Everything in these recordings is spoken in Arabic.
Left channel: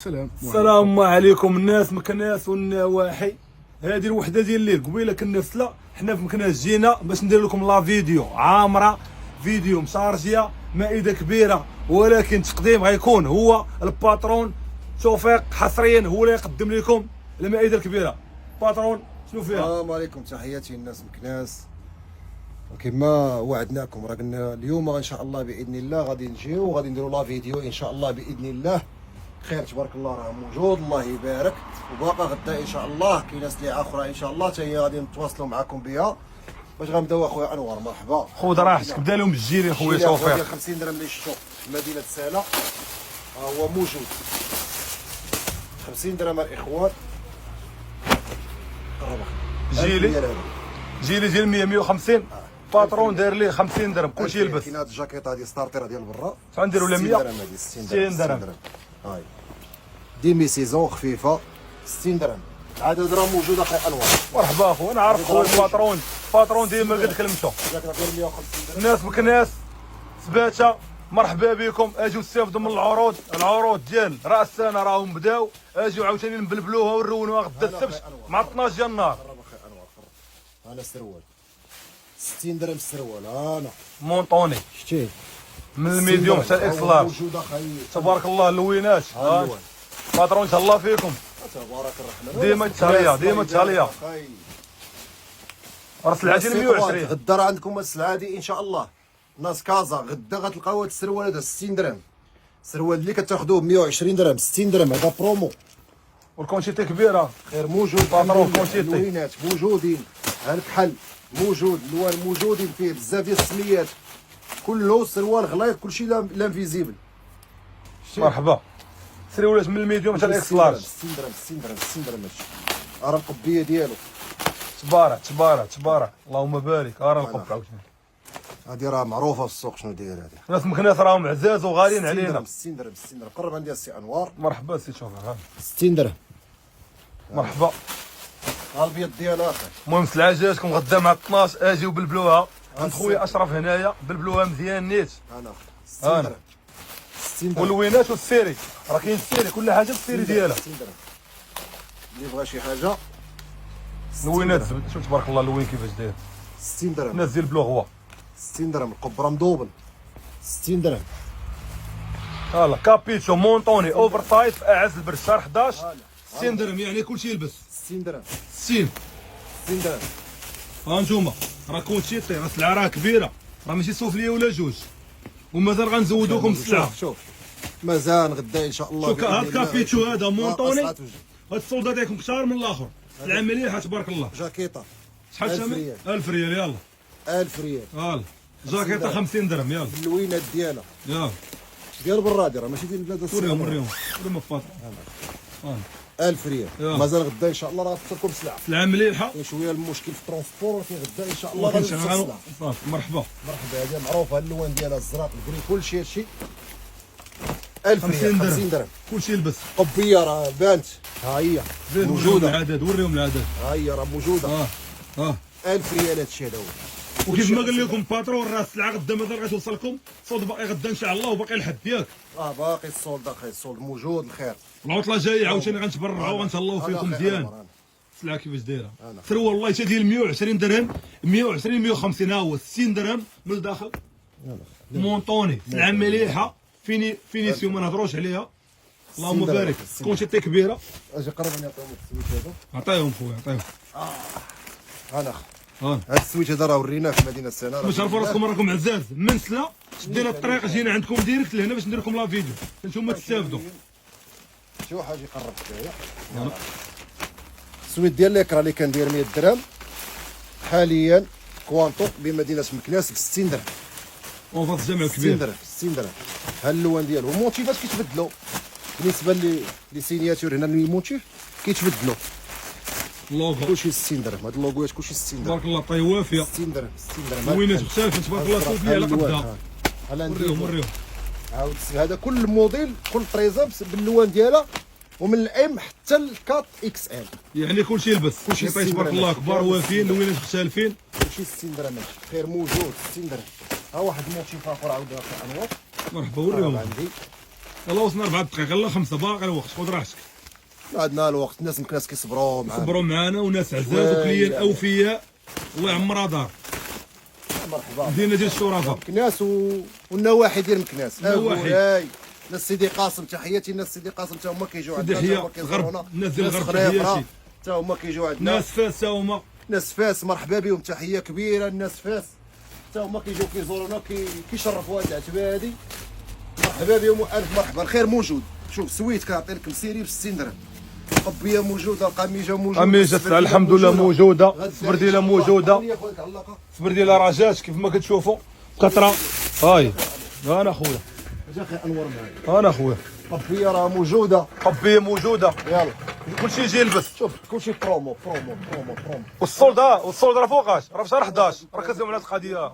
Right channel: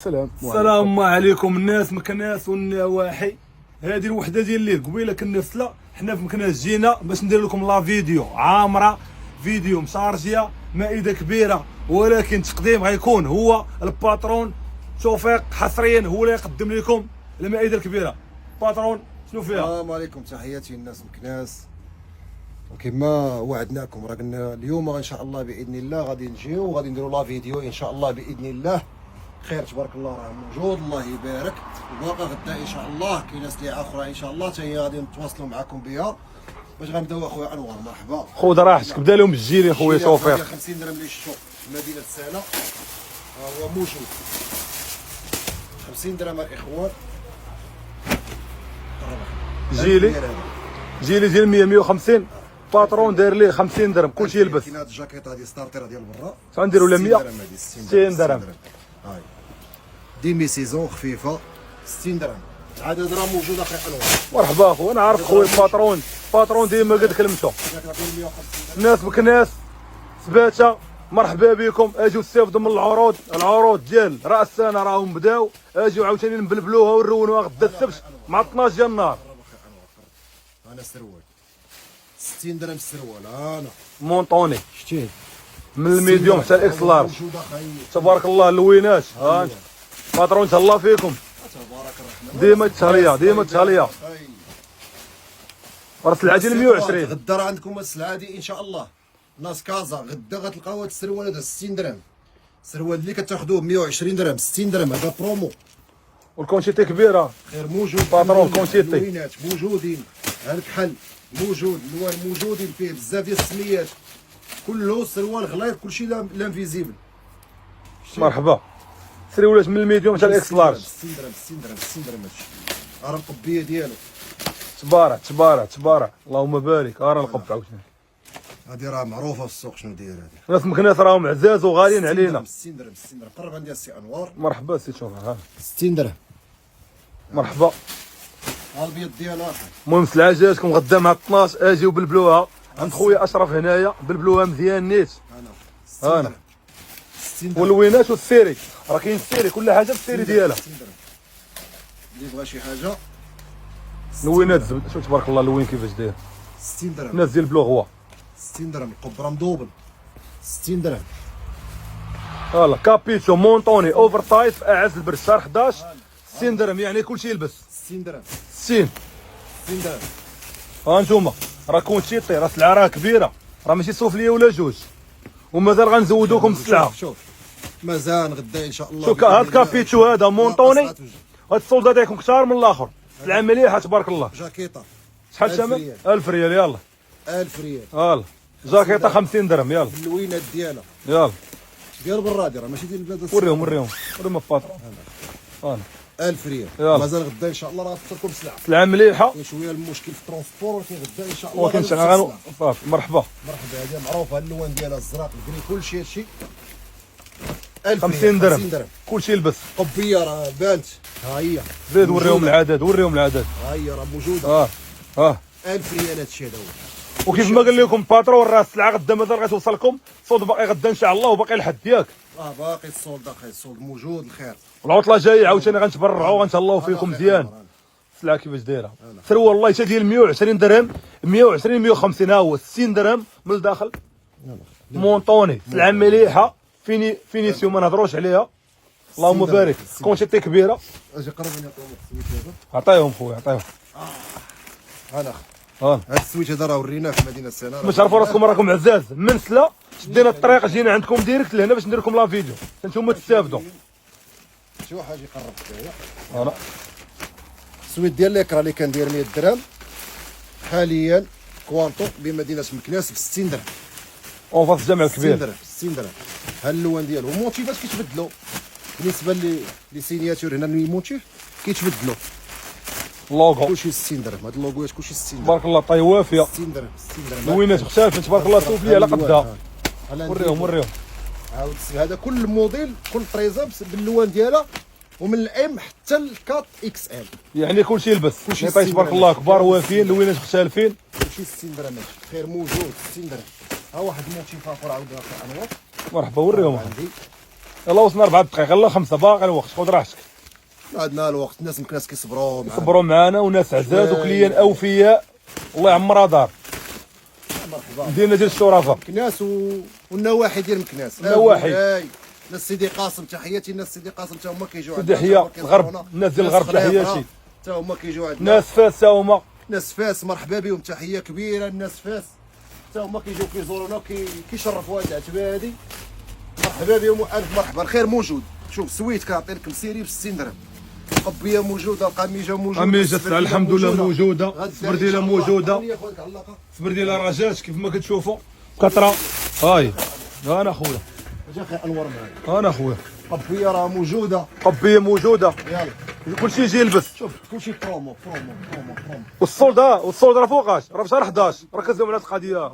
السلام عليكم الناس مكناس والنواحي. هذه الوحده ديال الليل قبيله كنا فسلا حنا في مكناس جينا باش ندير لكم لا فيديو عامره، فيديو مشارجيه، مائده كبيره، ولكن تقديم غيكون هو الباترون توفيق حصريا هو اللي يقدم لكم المائده الكبيره. باترون شنو فيها؟ السلام عليكم، تحياتي الناس مكناس. وكما وعدناكم راه قلنا اليوم ان شاء الله باذن الله غادي نجيو وغادي نديروا لا فيديو ان شاء الله باذن الله. خير تبارك الله راه موجود، الله يبارك. وباقا غدا ان شاء الله كاينه سلعه اخرى ان شاء الله حتى هي غادي نتواصلوا معكم بها باش غنبداو. اخويا انوار مرحبا، خذ راحتك، بدا لهم بالجيلي خويا توفيق ديال 50 درهم اللي شفتو في مدينه سالا، ها هو موجود 50 درهم الاخوان. جيلي ديال 150 باترون داير ليه 50 درهم كلشي يلبس. كاين هاد الجاكيطه هادي ستارتر ديال برا غنديروا لا 100 درهم، هادي 60 درهم. هاي ديمي سيزون خفيفه 60 درهم. العدد راه موجود اخي انوار. مرحبا اخويا، انا عارف خويا باترون ديما قد كلمته. الناس مكناس سباته مرحبا بكم، اجيو استافدوا من العروض ديال راس السنه راهم بداو، اجيو عاوتاني نبلبلوها ونرونوها غدا السبت مع 12 ديال النهار. انا سروال 60 درهم السروال، انا مونطوني شتيه من الميديوم حتى الاكس لارج. موجود اخي تبارك الله اللوينات. باترون تهلا فيكم، تبارك الرحمن. ديما تهليه راه السلعه ديال 120. غدا راه عندكم السلعه دي ان شاء الله. ناس كازا غدا غتلقاو هاد السروال هذا 60 درهم. السروال اللي كتاخذوه ب 120 درهم 60 درهم، هذا برومو. والكونتيتي كبيره غير موجود. اللوينات موجودين، ها الكحل موجود، الوان موجودين فيه بزاف ديال السميات، كله سروال غليظ كلشي لانفيزيبل. مرحبا. سروالات من الميديوم حتى الاكس لارج 60 درهم 60 درهم 60 درهم. هادشي راه القبيه ديالو. تبارك اللهم بارك. راه القبه هادي راه معروفه في السوق شنو داير هادي. ناس مكناس راهم عزاز وغاليين علينا. 60 درهم 60 درهم. قرب عندي السي انوار. مرحبا سي شهر. 60 درهم. مرحبا. ها البيض ديالها اخي. المهم السلعه جاتكم غدا مع 12، اجيو بلبلوها عند خويا اشرف هنايا، بلبلوها مزيان نيت. انا 60 درهم 60 درهم. واللوينات والسيري راه كاين السيري، كل حاجه السيري ديالها. 60 درهم. اللي بغى شي حاجه لوينات زبد. شوف تبارك الله اللوين كيفاش داير. 60 درهم. الناس ديال بلوغوا 60 درهم. القبره مدوبل 60 درهم. فوالا كابيتشو مونطوني اوفر سايز اعز البرشار 11 60 درهم، يعني كلشي يلبس 60 درهم 60 درهم. ها انتوما راه كونتيتي، راه السلعه راه كبيره، راه ماشي سوفليه ولا جوج، ومازال غنزودوكم السلعه. شوف مازال غدا ان شاء الله. شوف هاد كابيتشو هذا مونطوني، هاد السولدات ديالكم كثار من الاخر، سلعه مليحه تبارك الله. جاكيطه شحال الثمن؟ 1000 ريال. يلا 1000 ريال. يلا جاكيطه 50 درهم. يلا اللوينات ديالها يلا ديال برادي راه ماشي ديال البلاد. وريهم الباطرون. 1000 ريال. مازال غدا ان شاء الله راه غتوصلكم سلعه. سلعه مليحه. كاين شويه المشكل في الترونسبور، ولكن غدا ان شاء الله ولكن شغال. مرحبا. هذه معروفه، اللوان ديالها الزرق الكري كلشي هادشي 1000 ريال 50 50 درهم. كلشي يلبس. قبيه راه بانت، ها هي زيد وريهم العدد ها هي راه موجوده. 1000 ريال هادشي هذا هو. وكيف ما قال لكم باترون راه السلعه غدا مازال غتوصلكم، الصولد باقي غدا ان شاء الله وباقي لحد ياك. باقي الصولد اخي، الصولد موجود. الخير العطله جايه عاوتاني غنتبرعوا غنتهلاو فيكم مزيان. السلعه كيفاش دايره سروال والله حتى ديال 120 درهم 120 150 ها هو 60 درهم من الداخل. مونطوني سلعه مليحه فينيسيو ما نهضروش عليها. اللهم بارك. كونتيتي كبيره. اجي قرب نعطيهم السويت هذا. عطيهم خويا عطيهم. انا هاد السويت هذا راه وريناه في مدينه سنه. باش تعرفوا راسكم راكم عزاز من سلا، شدينا الطريق جينا عندكم ديريكت لهنا باش ندير لكم لا فيديو نتوما تستافدوا. شي واحد يقرب شويه. انا السويت ديال ليكرا اللي كندير 100 درهم حاليا كوانتو بمدينه مكناس ب 60 درهم. اون فاس الجامع الكبير 60 درهم 60 درهم. ها اللوان ديالو الموتيفات كيتبدلوا بالنسبه لي سينياتور. هنا الموتيف كيتبدلوا. اللوغو كلشي 60 درهم. هاد اللوغوات كلشي 60 درهم. تبارك الله طي وافيه. 60 درهم 60 درهم. اللوينات مختلفه تبارك الله سوفلي على قدها. وريهم عاود هذا كل موديل كل طريزه باللوان ديالها، ومن الام حتى الكات اكس ال، يعني كلشي يلبس. كلشي تبارك الله كبار وافيين، اللوينات مختلفين. كلشي 60 درهم. خير موجود 60 درهم. ها واحد الموتيف اخر عاود اخر انوار. مرحبا وريهم. عندي يلا وصلنا 4 دقائق، يلا 5 باقي الوقت، خذ راحتك. ما عندنا الوقت، الناس مكناس كيصبروا معنا. صبروا معنا وناس عزاز شوي. وكليان اوفياء، الله يعمرها دار. مرحبا. مدينه ديال الشرفاء. مكناس والنواحي ديال مكناس. النواحي. ناس سيدي قاسم تحياتي، ناس سيدي قاسم حتى هما كيجيو سيدي عندنا. حيا الغرب، الناس ديال الغرب تحياتي. حتى هما كيجيو عندنا. ناس فاس حتى هما. ناس فاس مرحبا بهم، تحيه كبيره الناس فاس حتى هما كيجيو كيزورونا كيشرفوا هاد العتبه هادي. مرحبا بهم والف مرحبا، الخير موجود. شوف سويت كنعطي لك مسيري ب 60 درهم، قبيه موجوده، القميجه موجوده، قميجه الحمد لله موجوده، السبرديله موجوده، خلي خويا تعلقها. السبرديله رجات كيف ما كتشوفوا كثره. هاي انا خويا، اجا خير انور معايا. انا خويا، قبيه راه موجوده. قبيه موجوده، يلا كلشي يجي يلبس. شوف كلشي برومو برومو برومو برومو. والصولد راه فوقاش، راه في شهر 11، ركزوا على هاد القضيه.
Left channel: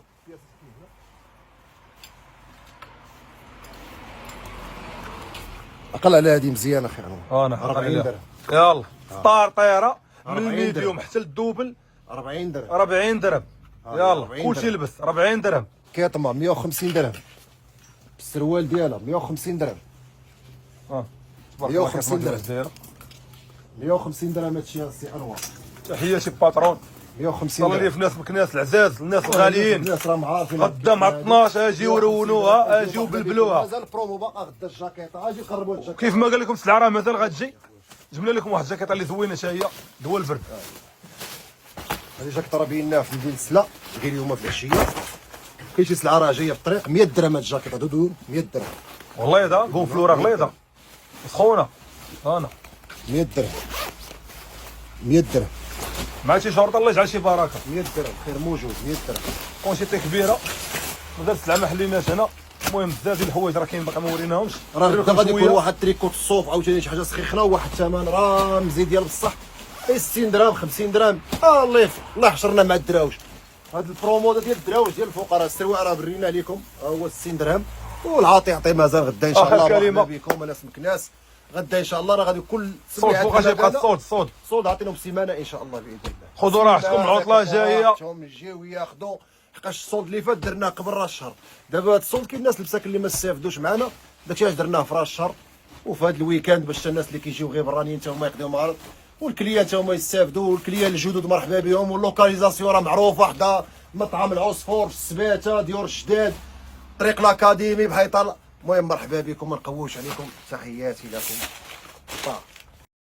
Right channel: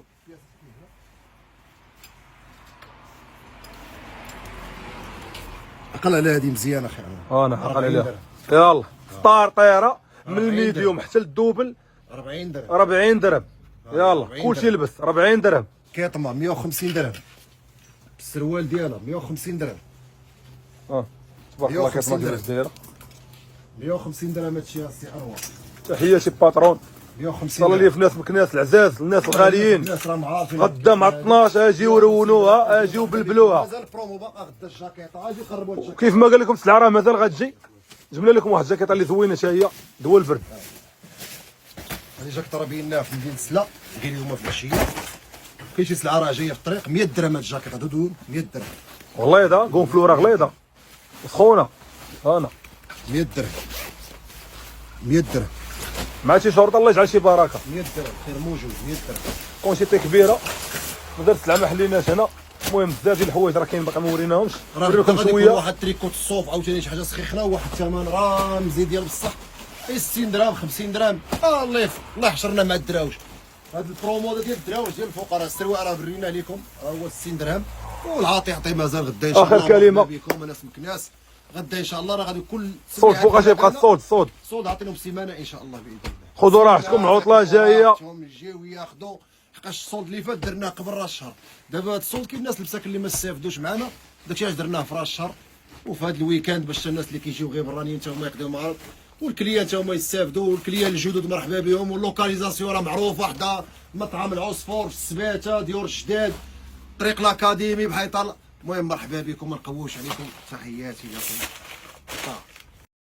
عقل على هذه مزيانه اخي انور. انا 40 درهم. يلا ستار طياره من 40 الميديوم درهم. حتى للدوبل 40 درهم. 40 درهم. يلا 40 كلشي درهم. يلبس 40 درهم. كيطمع 150 درهم. السروال ديالها 150 درهم. 150 درهم. 150 درهم هادشي السي انور. تحياتي باترون، 150 الله درهم. في ناس مكناس العزاز، الناس الغاليين. الناس راهم عارفين غدا مع 12 اجيو رونوها، اجيو بلبلوها. مازال البرومو باقا غدا الجاكيطه، اجي قربوا الجاكيطه. كيف ما قال لكم السلعه راه مازال غتجي. جبنا لكم واحد الجاكيطه اللي زوينه حتى هي دوا البرد. هذه جاكيطه راه بيناها في مدينه سلا، غير اليوم في العشيه. كاين شي سلعه راه جايه في الطريق 100 درهم هاد الجاكيطه دودو 100 درهم. بيضاء غونفلوره بيضاء سخونه. انا 100 درهم 100 درهم مع شي شرط الله يجعل شي بركه. 100 درهم خير موجود 100 درهم. كاين شي كبيره ودرت سلعه ما حليناش هنا. المهم بزاف ديال الحوايج راه كاين باقي ما وريناهمش. راه غدا غادي يكون واحد تريكوت الصوف عاوتاني شي حاجه سخيخه وواحد الثمن رمزي ديال بصح 60 درهم 50 درهم. الله يحشرنا مع الدراوج. هذا البرومو ديال الدراوج ديال الفقراء، السروال راه برينا لكم هو 60 درهم والعاطي يعطي مازال غدا ان شاء الله. مرحبا بكم الناس مكناس. غدا ان شاء الله راه غادي كل صوت فوقاش يبقى الصوت. صود عطيناهم سيمانه ان شاء الله باذن الله. خذوا راحتكم، عطله جايه. هم يجيو ياخذوا، حقاش الصولد اللي فات درناه قبل راس الشهر. دابا هذا الصولد كاين الناس المساكن اللي ما استافدوش معنا، داكشي علاش درناه في راس الشهر وفي هذا الويكاند باش الناس اللي كيجيو غير برانيين حتى هما يقضيو معرض والكليان حتى هما يستافدوا. والكليان الجدد مرحبا بهم. واللوكاليزاسيون راه معروفه، حدا مطعم العصفور في السباته ديور الجداد، طريق الاكاديمي بحيط. المهم مرحبا بكم، ما نقووش عليكم، تحياتي لكم.